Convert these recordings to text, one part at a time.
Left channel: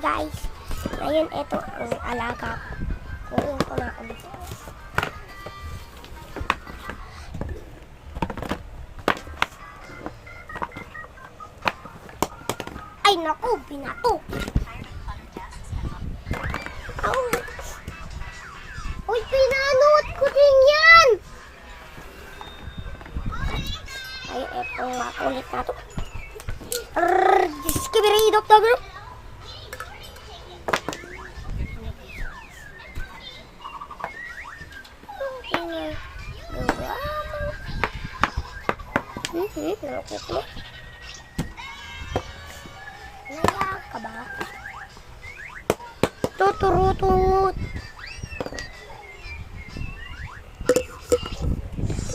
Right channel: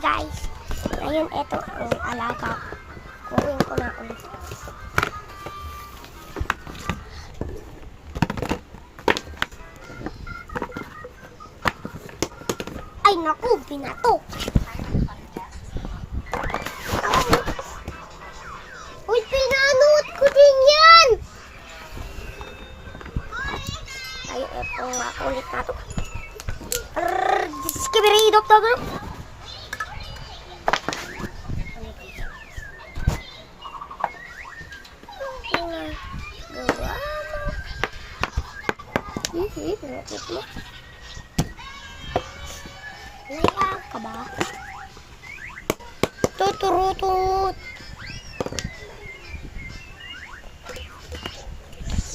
guys. Ngayon, ito ang alaga. Kunin ko na ulit. Ay, naku, binato. Uy, pinanot ko din yan. Ay, eto makulit na to. Diskibiridok na gano'n. Gawa mo. Nakit mo. Naiyak ka ba? Tuturutut.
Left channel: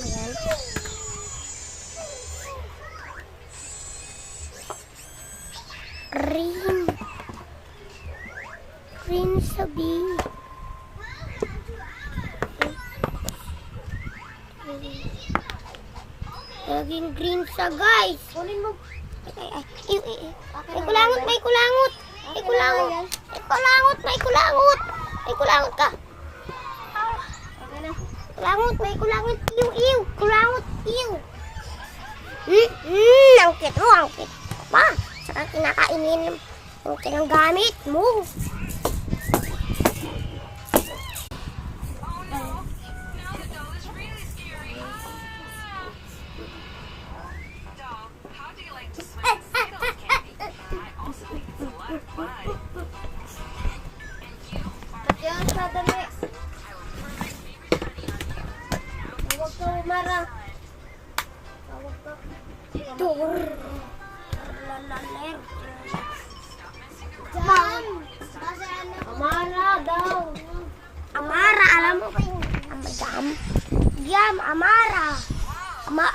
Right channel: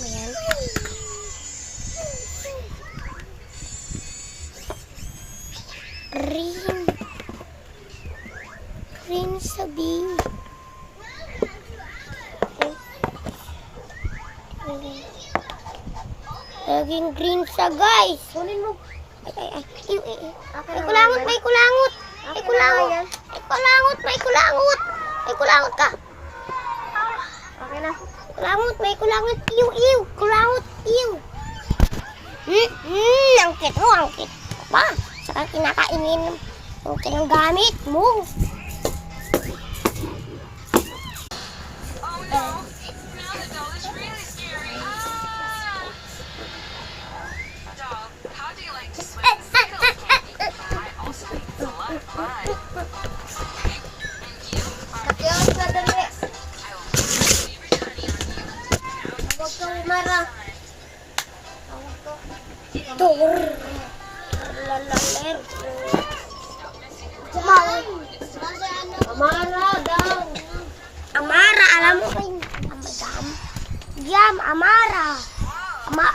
Ayan. Green sabi. Laging green sa guys. Kunin mo. Ay. May kulangot. May kulangot ka. Okay na. Kulangot. Iw. Kulangot. Angkit mo. Pa. Saka kinakainin yung kinanggamit mo. Amara daw. Amara, alam mo. Yam, Amara. Ama.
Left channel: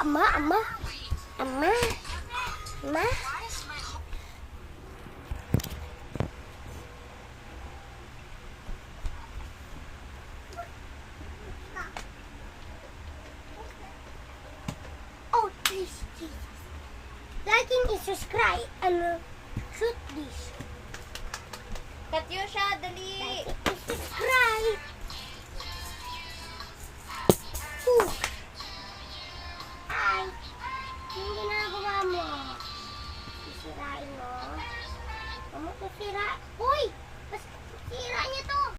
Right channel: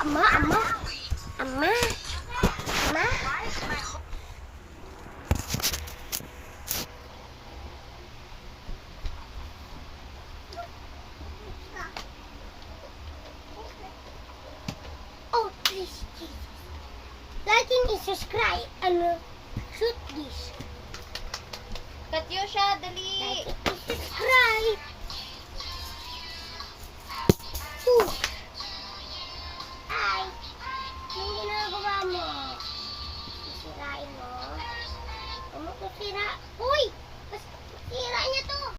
Oh, please, Jesus. Like and subscribe and shoot this. Katyusha, dali. Like it.